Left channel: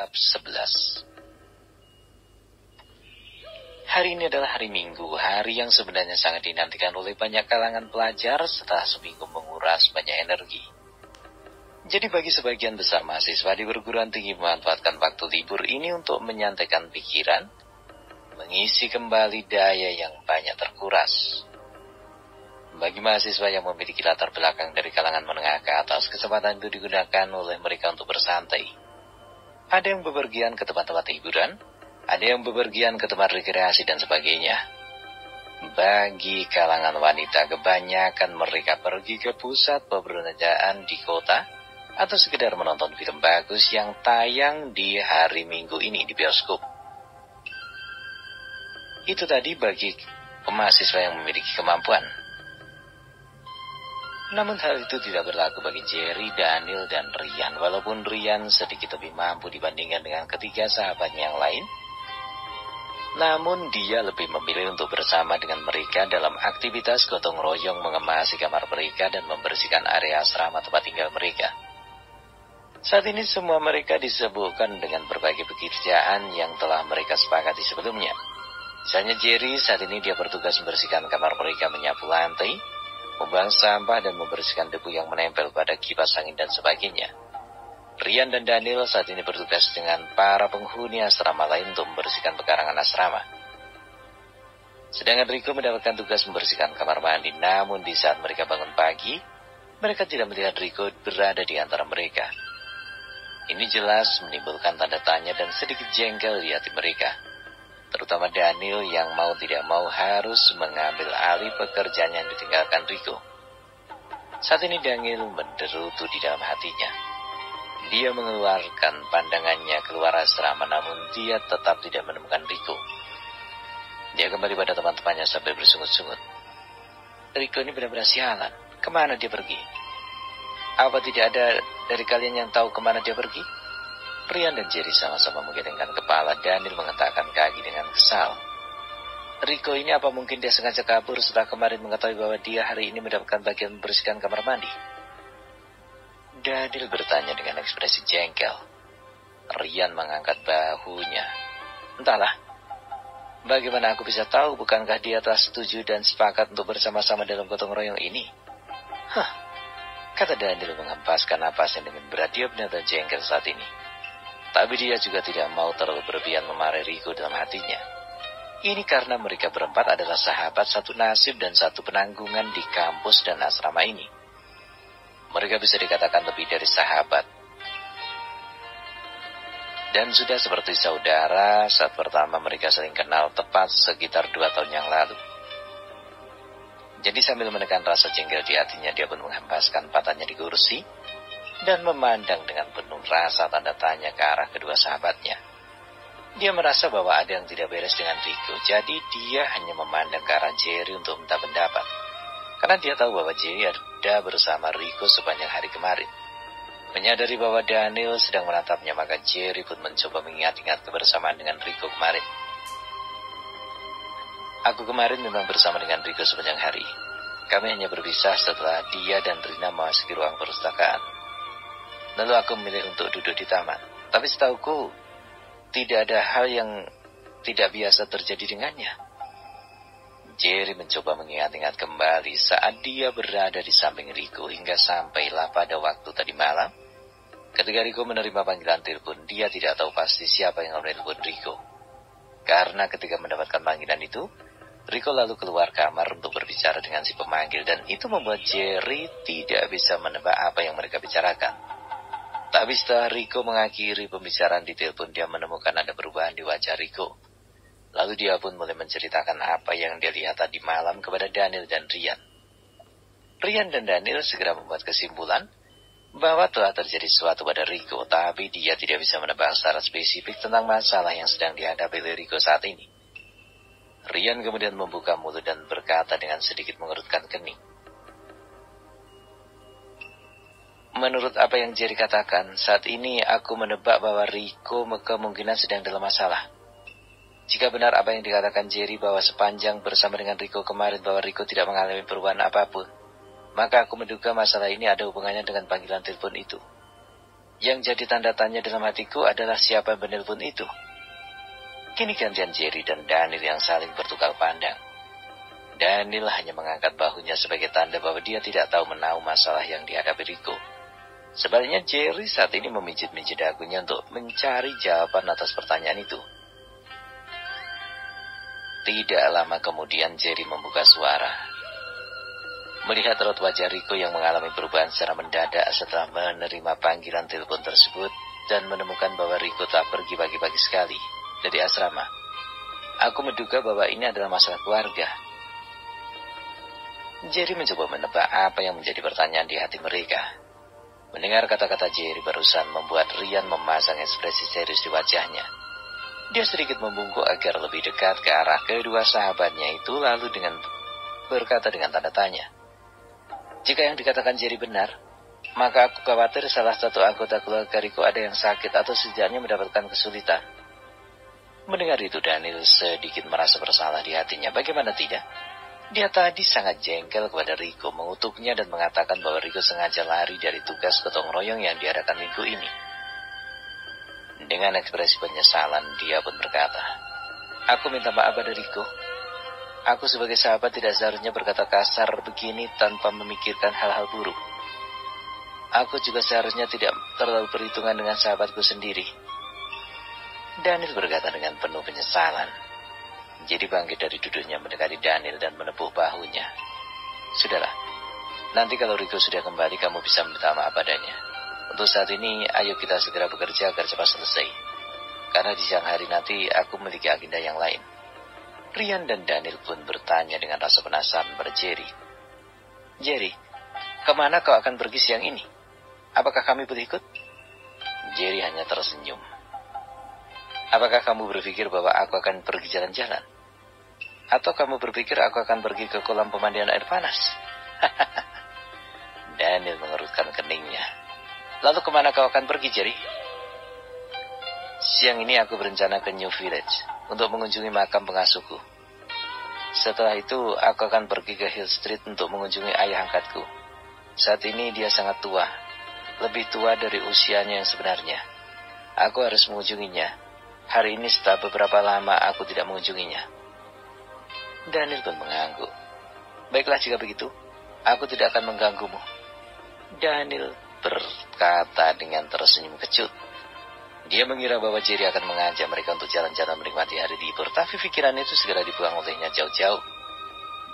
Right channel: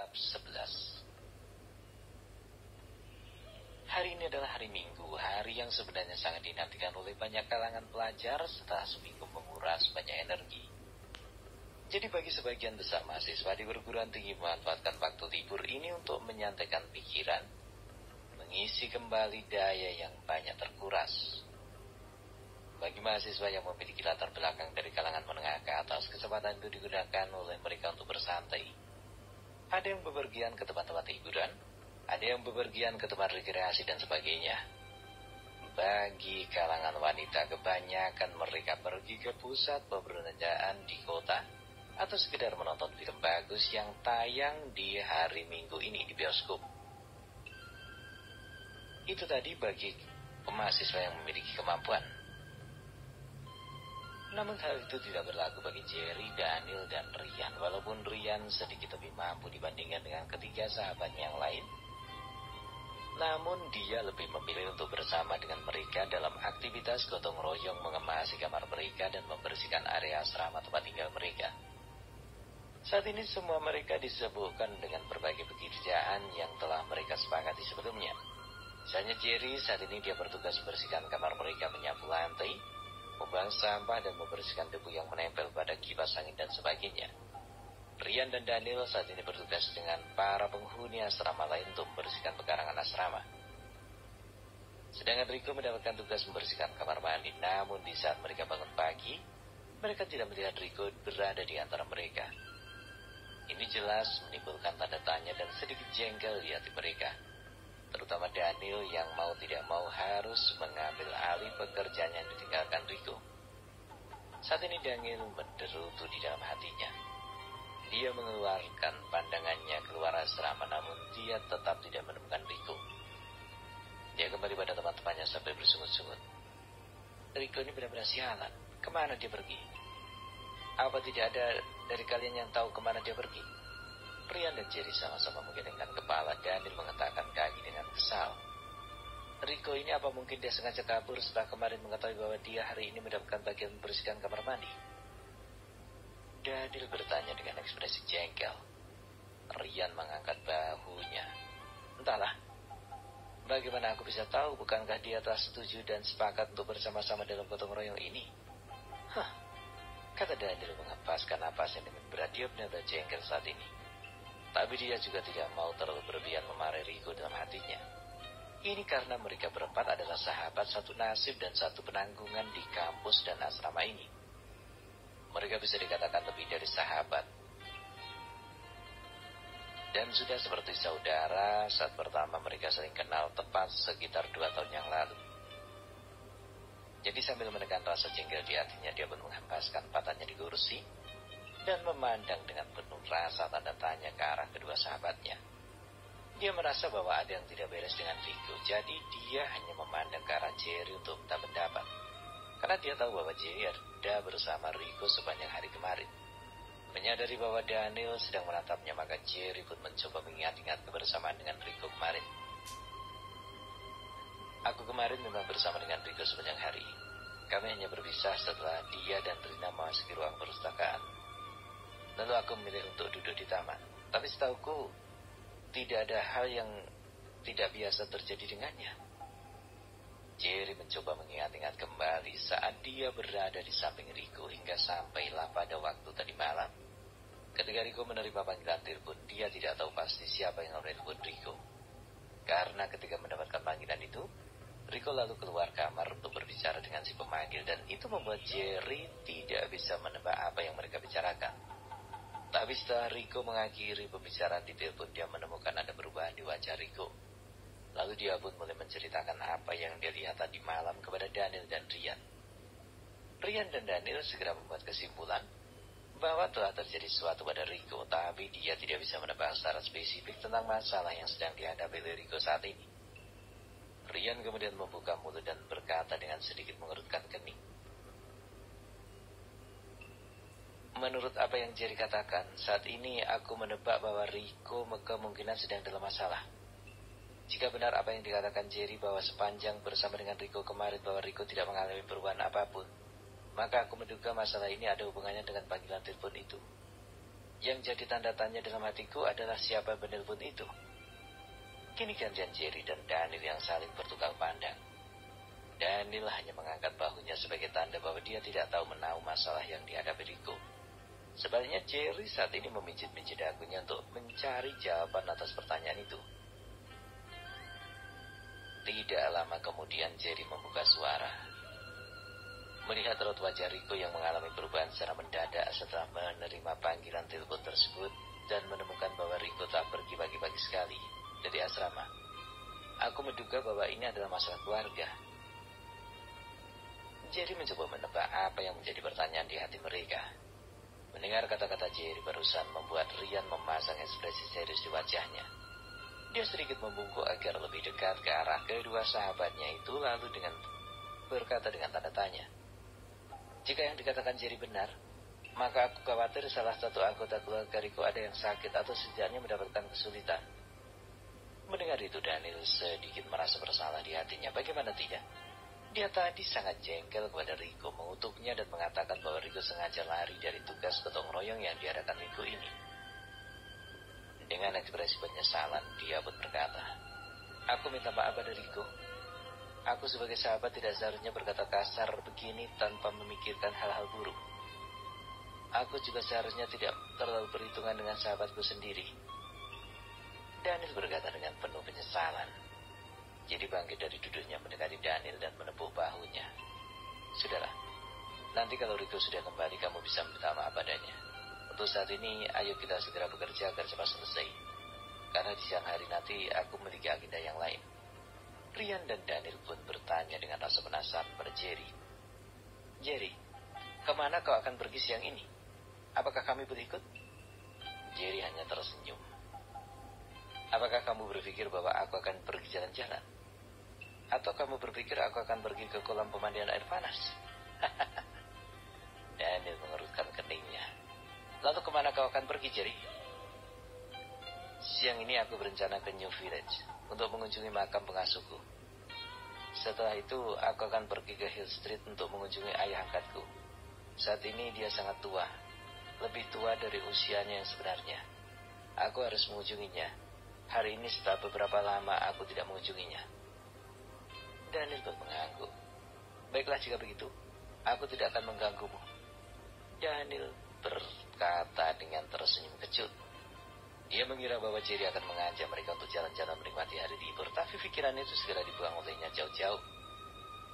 Bab 11. Hari ini adalah hari Minggu, hari yang sebenarnya sangat dinantikan oleh banyak kalangan pelajar setelah seminggu menguras banyak energi. Jadi bagi sebagian besar mahasiswa di perguruan tinggi memanfaatkan waktu libur ini untuk menyantaikan pikiran, mengisi kembali daya yang banyak terkuras. Bagi mahasiswa yang memiliki latar belakang dari kalangan menengah ke atas, kesempatan itu digunakan oleh mereka untuk bersantai. Ada yang bepergian ke tempat-tempat hiburan, ada yang bepergian ke tempat rekreasi dan sebagainya. Bagi kalangan wanita, kebanyakan mereka pergi ke pusat perbelanjaan di kota atau sekedar menonton film bagus yang tayang di hari Minggu ini di bioskop. Itu tadi bagi mahasiswa yang memiliki kemampuan. Namun hal itu tidak berlaku bagi Jerry, Daniel, dan Ryan. Walaupun Ryan sedikit lebih mampu dibandingkan dengan ketiga sahabatnya yang lain, namun dia lebih memilih untuk bersama dengan mereka dalam aktivitas gotong royong mengemasi kamar mereka dan membersihkan area asrama tempat tinggal mereka. Saat ini semua mereka disibukkan dengan berbagai pekerjaan yang telah mereka sepakati sebelumnya. Misalnya Jerry, saat ini dia bertugas membersihkan kamar mereka, menyapu lantai, membuang sampah dan membersihkan debu yang menempel pada kipas angin dan sebagainya. Ryan dan Daniel saat ini bertugas dengan para penghuni asrama lain untuk membersihkan pekarangan asrama. Sedangkan Rico mendapatkan tugas membersihkan kamar mandi, namun di saat mereka bangun pagi, mereka tidak melihat Rico berada di antara mereka. Ini jelas menimbulkan tanda tanya dan sedikit jengkel di hati mereka. Terutama Daniel yang mau tidak mau harus mengambil alih pekerjaan yang ditinggalkan Rico. Saat ini Daniel menderutu di dalam hatinya. Dia mengeluarkan pandangannya keluar asrama, namun dia tetap tidak menemukan Rico. Dia kembali pada teman-temannya sambil bersungut-sungut. Rico ini benar-benar sialan. Kemana dia pergi? Apa tidak ada dari kalian yang tahu kemana dia pergi? Ryan dan Jerry sama-sama menggelengkan kepala. Daniel mengetakkan kaki dengan kesal. Rico ini apa mungkin dia sengaja kabur setelah kemarin mengetahui bahwa dia hari ini mendapatkan bagian membersihkan kamar mandi? Daniel bertanya dengan ekspresi jengkel. Ryan mengangkat bahunya. Entahlah. Bagaimana aku bisa tahu, bukankah dia telah setuju dan sepakat untuk bersama-sama dalam gotong royong ini? Kata Daniel menghempaskan napasnya dengan berat. Dia benar-benar jengkel saat ini. Tapi dia juga tidak mau terlalu berlebihan memarahi Rico dalam hatinya. Ini karena mereka berempat adalah sahabat, satu nasib dan satu penanggungan di kampus dan asrama ini. Mereka bisa dikatakan lebih dari sahabat. Dan sudah seperti saudara saat pertama mereka saling kenal tepat sekitar 2 tahun yang lalu. Jadi sambil menekan rasa jengkel di hatinya, dia pun menghempaskan patahnya di kursi dan memandang dengan penuh rasa tanda tanya ke arah kedua sahabatnya. Dia merasa bahwa ada yang tidak beres dengan Rico, jadi dia hanya memandang ke arah Jerry untuk minta pendapat. Karena dia tahu bahwa Jerry ada bersama Rico sepanjang hari kemarin. Menyadari bahwa Daniel sedang menatapnya, maka Jerry pun mencoba mengingat-ingat kebersamaan dengan Rico kemarin. Aku kemarin memang bersama dengan Rico sepanjang hari. Kami hanya berpisah setelah dia dan Rina memasuki ruang perpustakaan. Lalu aku memilih untuk duduk di taman. Tapi setauku, tidak ada hal yang tidak biasa terjadi dengannya. Jerry mencoba mengingat-ingat kembali saat dia berada di samping Rico hingga sampailah pada waktu tadi malam. Ketika Rico menerima panggilan telepon, dia tidak tahu pasti siapa yang menelpon Rico. Karena ketika mendapatkan panggilan itu, Rico lalu keluar kamar untuk berbicara dengan si pemanggil, dan itu membuat Jerry tidak bisa menebak apa yang mereka bicarakan. Tapi setelah Rico mengakhiri pembicaraan di telepon, dia menemukan ada perubahan di wajah Rico. Lalu dia pun mulai menceritakan apa yang dia lihat tadi malam kepada Daniel dan Ryan. Ryan dan Daniel segera membuat kesimpulan bahwa telah terjadi sesuatu pada Rico, tapi dia tidak bisa menebak secara spesifik tentang masalah yang sedang dihadapi oleh Rico saat ini. Ryan kemudian membuka mulut dan berkata dengan sedikit mengerutkan kening. Menurut apa yang Jerry katakan, saat ini aku menebak bahwa Rico kemungkinan sedang dalam masalah. Jika benar apa yang dikatakan Jerry bahwa sepanjang bersama dengan Rico kemarin bahwa Rico tidak mengalami perubahan apapun, maka aku menduga masalah ini ada hubungannya dengan panggilan telepon itu. Yang jadi tanda tanya dalam hatiku adalah siapa yang menelpon itu. Kini gantian Jerry dan Daniel yang saling bertukar pandang. Daniel hanya mengangkat bahunya sebagai tanda bahwa dia tidak tahu menahu masalah yang dihadapi Rico. Sebaliknya Jerry saat ini memijit-mijit dagunya untuk mencari jawaban atas pertanyaan itu. Tidak lama kemudian Jerry membuka suara. Melihat raut wajah Rico yang mengalami perubahan secara mendadak setelah menerima panggilan telepon tersebut dan menemukan bahwa Rico tak pergi pagi-pagi sekali dari asrama, aku menduga bahwa ini adalah masalah keluarga. Jerry mencoba menebak apa yang menjadi pertanyaan di hati mereka. Mendengar kata-kata Jerry barusan membuat Ryan memasang ekspresi serius di wajahnya. Dia sedikit membungkuk agar lebih dekat ke arah kedua sahabatnya itu lalu berkata dengan tanda tanya. Jika yang dikatakan Jerry benar, maka aku khawatir salah satu anggota keluarga Rico ada yang sakit atau setidaknya mendapatkan kesulitan. Mendengar itu Daniel sedikit merasa bersalah di hatinya. Bagaimana tidak? Dia tadi sangat jengkel kepada Rico, mengutuknya dan mengatakan bahwa Rico sengaja lari dari tugas gotong royong yang diadakan minggu ini. Dengan ekspresi penyesalan, dia pun berkata, "Aku minta maaf pada Rico. Aku sebagai sahabat tidak seharusnya berkata kasar begini tanpa memikirkan hal-hal buruk. Aku juga seharusnya tidak terlalu perhitungan dengan sahabatku sendiri." Daniel berkata dengan penuh penyesalan. Jadi bangkit dari duduknya mendekati Daniel dan menepuk bahunya. "Sudahlah, nanti kalau Rico sudah kembali kamu bisa minta maaf padanya. Untuk saat ini, ayo kita segera bekerja agar cepat selesai. Karena di siang hari nanti aku memiliki agenda yang lain." Ryan dan Daniel pun bertanya dengan rasa penasaran pada Jerry. "Jerry, kemana kau akan pergi siang ini? Apakah kami boleh ikut?" Jerry hanya tersenyum. "Apakah kamu berpikir bahwa aku akan pergi jalan-jalan? Atau kamu berpikir aku akan pergi ke kolam pemandian air panas?" Daniel mengerutkan keningnya. "Lalu kemana kau akan pergi, Jerry?" "Siang ini aku berencana ke New Village untuk mengunjungi makam pengasuhku. Setelah itu aku akan pergi ke Hill Street untuk mengunjungi ayah angkatku. Saat ini dia sangat tua, lebih tua dari usianya yang sebenarnya. Aku harus mengunjunginya. Hari ini setelah beberapa lama aku tidak mengunjunginya." Daniel pun mengangguk. "Baiklah jika begitu, aku tidak akan mengganggumu." Daniel berkata dengan tersenyum kecut. Dia mengira bahwa Jerry akan mengajak mereka untuk jalan-jalan menikmati hari libur, tapi pikiran itu segera dibuang olehnya jauh-jauh.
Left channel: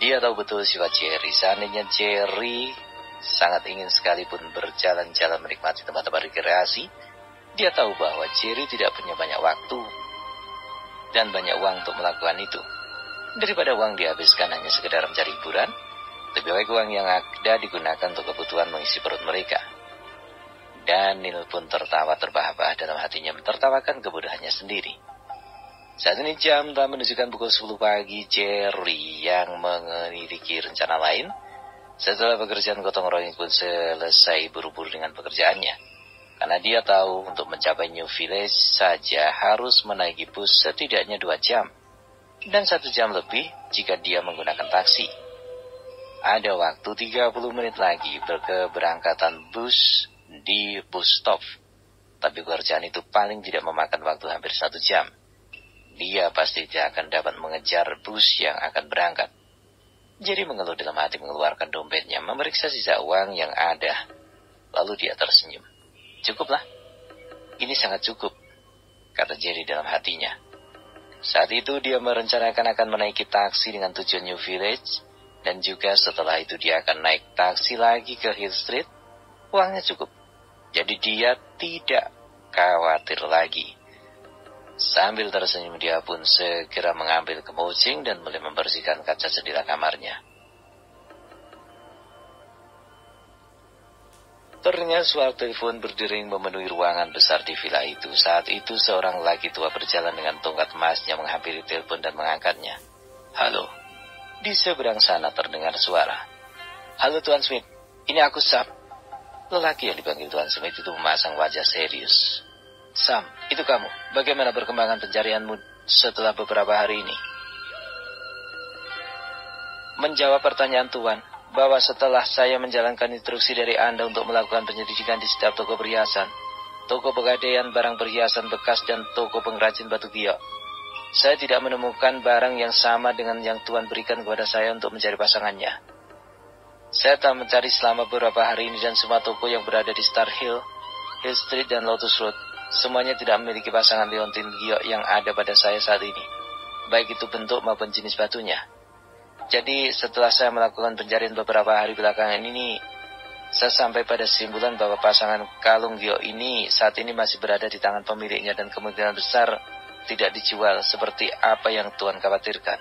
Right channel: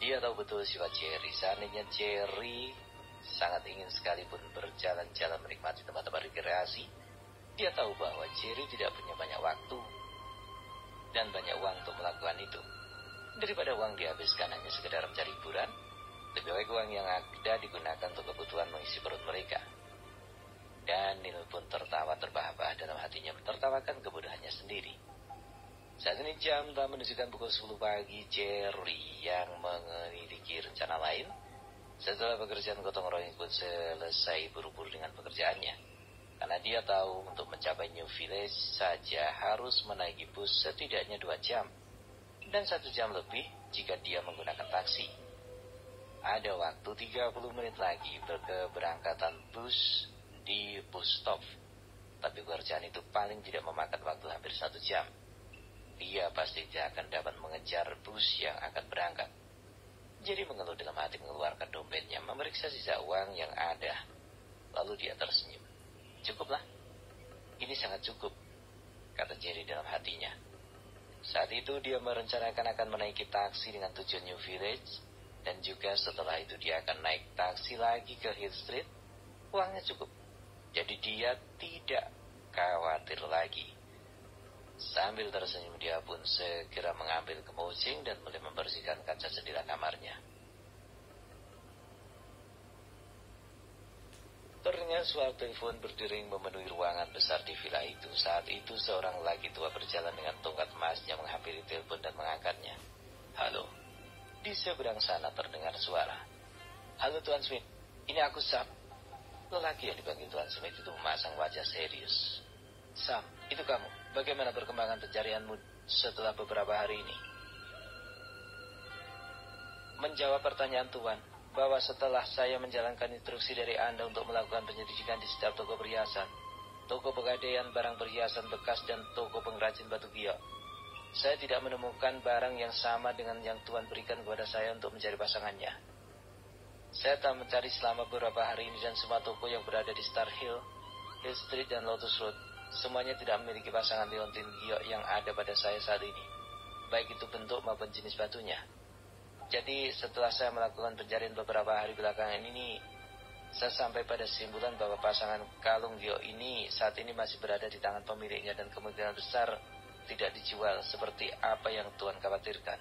Dia tahu betul sifat Jerry. Seandainya Jerry sangat ingin sekalipun berjalan-jalan menikmati tempat-tempat rekreasi, dia tahu bahwa Jerry tidak punya banyak waktu dan banyak uang untuk melakukan itu. Daripada uang dihabiskan hanya sekedar mencari hiburan, lebih baik uang yang ada digunakan untuk kebutuhan mengisi perut mereka. Daniel pun tertawa terbahak-bahak dalam hatinya, mentertawakan kebodohannya sendiri. Saat ini jam telah menunjukkan pukul 10 pagi. Jerry yang memiliki rencana lain. Setelah pekerjaan gotong royong pun selesai buru-buru dengan pekerjaannya. Karena dia tahu untuk mencapai New Village saja harus menaiki bus setidaknya 2 jam. Dan 1 jam lebih jika dia menggunakan taksi. Ada waktu 30 menit lagi berkeberangkatan bus di bus stop. Tapi pekerjaan itu paling tidak memakan waktu hampir 1 jam. Dia pasti tidak akan dapat mengejar bus yang akan berangkat. Jerry mengeluh dalam hati, mengeluarkan dompetnya, memeriksa sisa uang yang ada. Lalu dia tersenyum. "Cukuplah. Ini sangat cukup," kata Jerry dalam hatinya. Saat itu dia merencanakan akan menaiki taksi dengan tujuan New Village. Dan juga setelah itu dia akan naik taksi lagi ke Hill Street. Uangnya cukup. Jadi dia tidak khawatir lagi. Sambil tersenyum dia pun segera mengambil kemocing dan mulai membersihkan kaca jendela kamarnya. Terdengar suara telepon berdering memenuhi ruangan besar di villa itu. Saat itu seorang laki tua berjalan dengan tongkat emasnya menghampiri telepon dan mengangkatnya. "Halo." Di seberang sana terdengar suara. "Halo Tuan Smith, ini aku Sam." Lelaki yang dipanggil Tuan Smith itu memasang wajah serius. "Sam, itu kamu. Bagaimana perkembangan pencarianmu setelah beberapa hari ini?" "Menjawab pertanyaan Tuan, bahwa setelah saya menjalankan instruksi dari Anda untuk melakukan penyelidikan di setiap toko perhiasan, toko pegadaian barang perhiasan bekas, dan toko pengrajin batu giok. Saya tidak menemukan barang yang sama dengan yang Tuhan berikan kepada saya untuk mencari pasangannya. Saya telah mencari selama beberapa hari ini dan semua toko yang berada di Star Hill, Hill Street, dan Lotus Road, semuanya tidak memiliki pasangan liontin giok yang ada pada saya saat ini, baik itu bentuk maupun jenis batunya. Jadi setelah saya melakukan pencarian beberapa hari belakangan ini, saya sampai pada kesimpulan bahwa pasangan kalung giok ini saat ini masih berada di tangan pemiliknya dan kemungkinan besar tidak dijual seperti apa yang Tuan khawatirkan.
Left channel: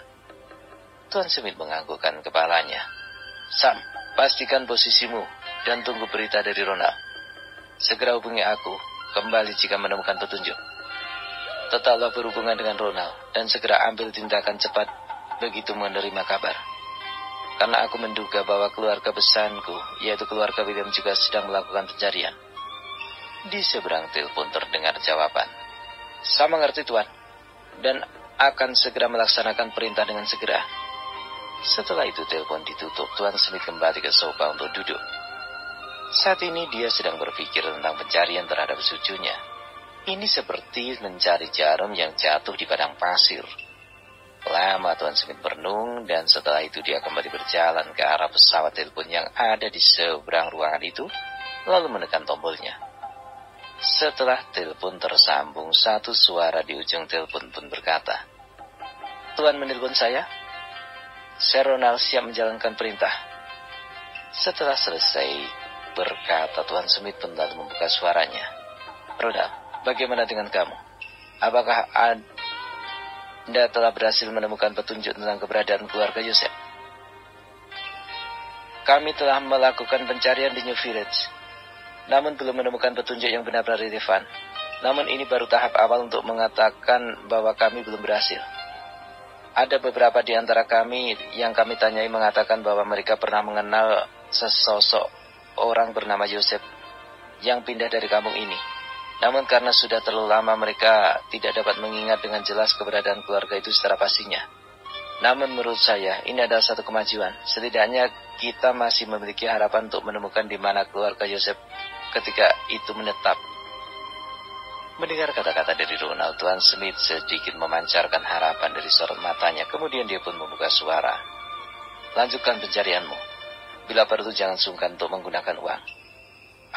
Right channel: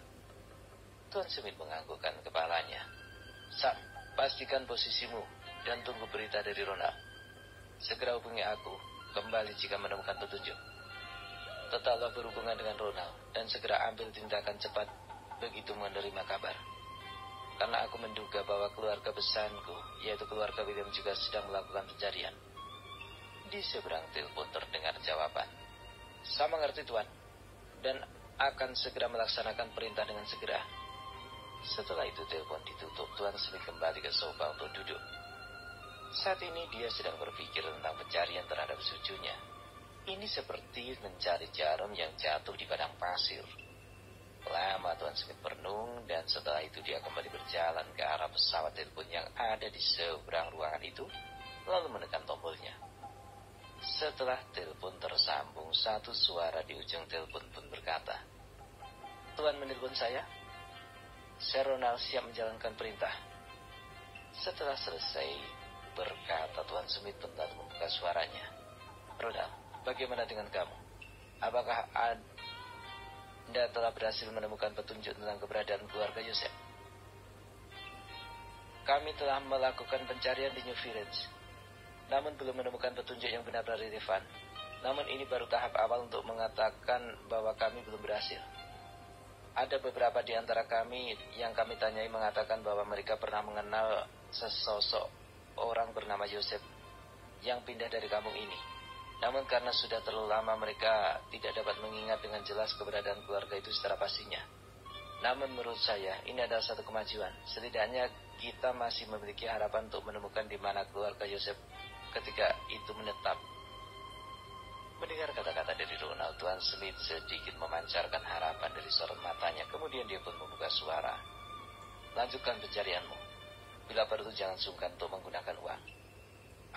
Tuan Smith menganggukkan kepalanya. Sam, pastikan posisimu dan tunggu berita dari Ronald. Segera hubungi aku kembali jika menemukan petunjuk. Tetaplah berhubungan dengan Ronald dan segera ambil tindakan cepat begitu menerima kabar. Karena aku menduga bahwa keluarga besarku, yaitu keluarga William, juga sedang melakukan pencarian. Di seberang telepon terdengar jawaban. Saya mengerti, Tuan, dan akan segera melaksanakan perintah dengan segera. Setelah itu telepon ditutup, Tuan Smith kembali ke sofa untuk duduk. Saat ini dia sedang berpikir tentang pencarian terhadap cucunya. Ini seperti mencari jarum yang jatuh di padang pasir. Lama Tuan Smith merenung, dan setelah itu dia kembali berjalan ke arah pesawat telepon yang ada di seberang ruangan itu, lalu menekan tombolnya. Setelah telepon tersambung, satu suara di ujung telepon pun berkata, "Tuan menelpon saya? Saya Ronald, siap menjalankan perintah." Setelah selesai berkata, Tuan Smith pun lalu membuka suaranya. "Ronald, bagaimana dengan kamu? Apakah Anda telah berhasil menemukan petunjuk tentang keberadaan keluarga Yosef?" "Kami telah melakukan pencarian di New Village, namun belum menemukan petunjuk yang benar-benar relevan. Namun ini baru tahap awal untuk mengatakan bahwa kami belum berhasil. Ada beberapa di antara kami yang kami tanyai mengatakan bahwa mereka pernah mengenal sesosok orang bernama Yosef yang pindah dari kampung ini. Namun karena sudah terlalu lama mereka tidak dapat mengingat dengan jelas keberadaan keluarga itu secara pastinya. Namun menurut saya ini adalah satu kemajuan. Setidaknya kita masih memiliki harapan untuk menemukan di mana keluarga Yosef ketika itu menetap." Mendengar kata-kata dari Ronald, Tuan Smith sedikit memancarkan harapan dari sorot matanya. Kemudian dia pun membuka suara. "Lanjutkan pencarianmu. Bila perlu jangan sungkan untuk menggunakan uang.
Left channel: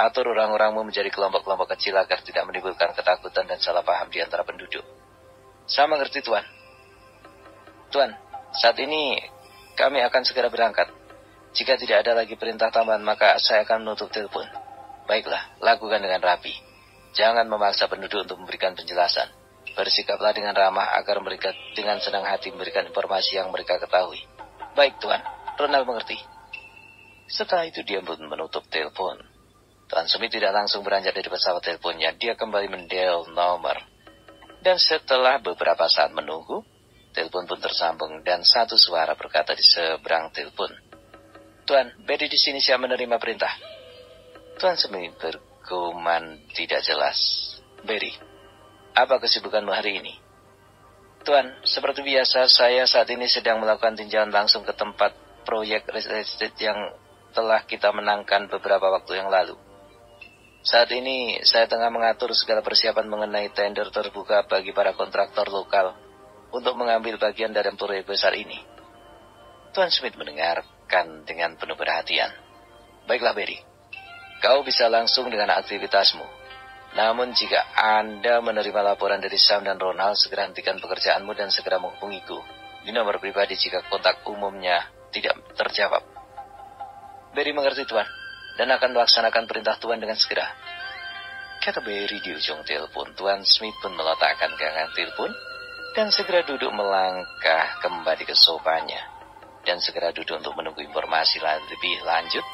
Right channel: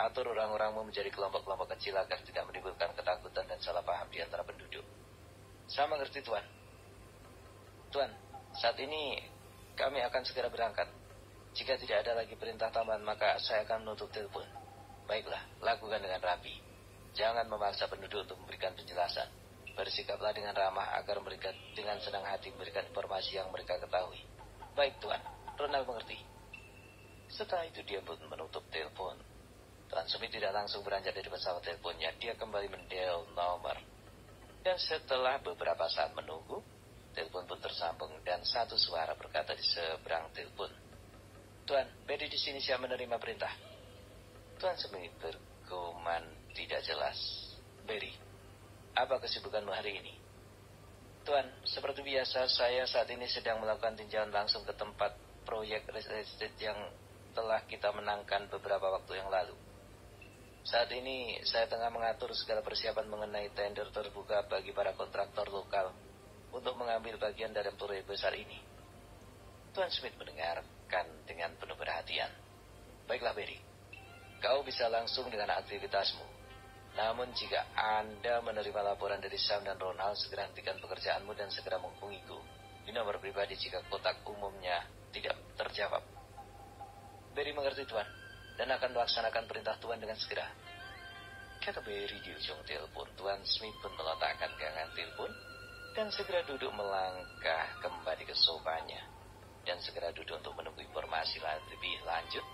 Atur orang-orangmu menjadi kelompok-kelompok kecil agar tidak menimbulkan ketakutan dan salah paham di antara penduduk." "Saya mengerti, Tuan." "Tuan, saat ini kami akan segera berangkat. Jika tidak ada lagi perintah tambahan, maka saya akan menutup telepon." "Baiklah, lakukan dengan rapi. Jangan memaksa penduduk untuk memberikan penjelasan. Bersikaplah dengan ramah agar mereka dengan senang hati memberikan informasi yang mereka ketahui." "Baik, Tuan." Ronald mengerti. Setelah itu dia pun menutup telepon. Tuan Smith tidak langsung beranjak dari pesawat teleponnya. Dia kembali mendial nomor. Dan setelah beberapa saat menunggu, telepon pun tersambung dan satu suara berkata di seberang telepon, "Tuan, Betty di sini siap menerima perintah." Tuan Smith bergumam tidak jelas. "Betty, apa kesibukanmu hari ini?" "Tuan, seperti biasa saya saat ini sedang melakukan tinjauan langsung ke tempat proyek real estate yang telah kita menangkan beberapa waktu yang lalu. Saat ini saya tengah mengatur segala persiapan mengenai tender terbuka bagi para kontraktor lokal untuk mengambil bagian dari proyek besar ini." Tuan Smith mendengarkan dengan penuh perhatian. "Baiklah, Barry. Kau bisa langsung dengan aktivitasmu. Namun jika Anda menerima laporan dari Sam dan Ronald, segera hentikan pekerjaanmu dan segera menghubungiku di nomor pribadi jika kontak umumnya tidak terjawab." "Barry mengerti, Tuan, dan akan melaksanakan perintah Tuan dengan segera," kata Barry di ujung telepon. Tuan Smith pun meletakkan genggaman telepon dan segera duduk melangkah kembali ke sofanya dan segera duduk untuk menunggu informasi lebih lanjut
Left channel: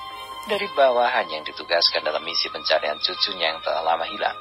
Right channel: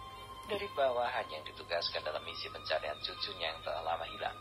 dari bawahan yang ditugaskan dalam misi pencarian cucunya yang telah lama hilang.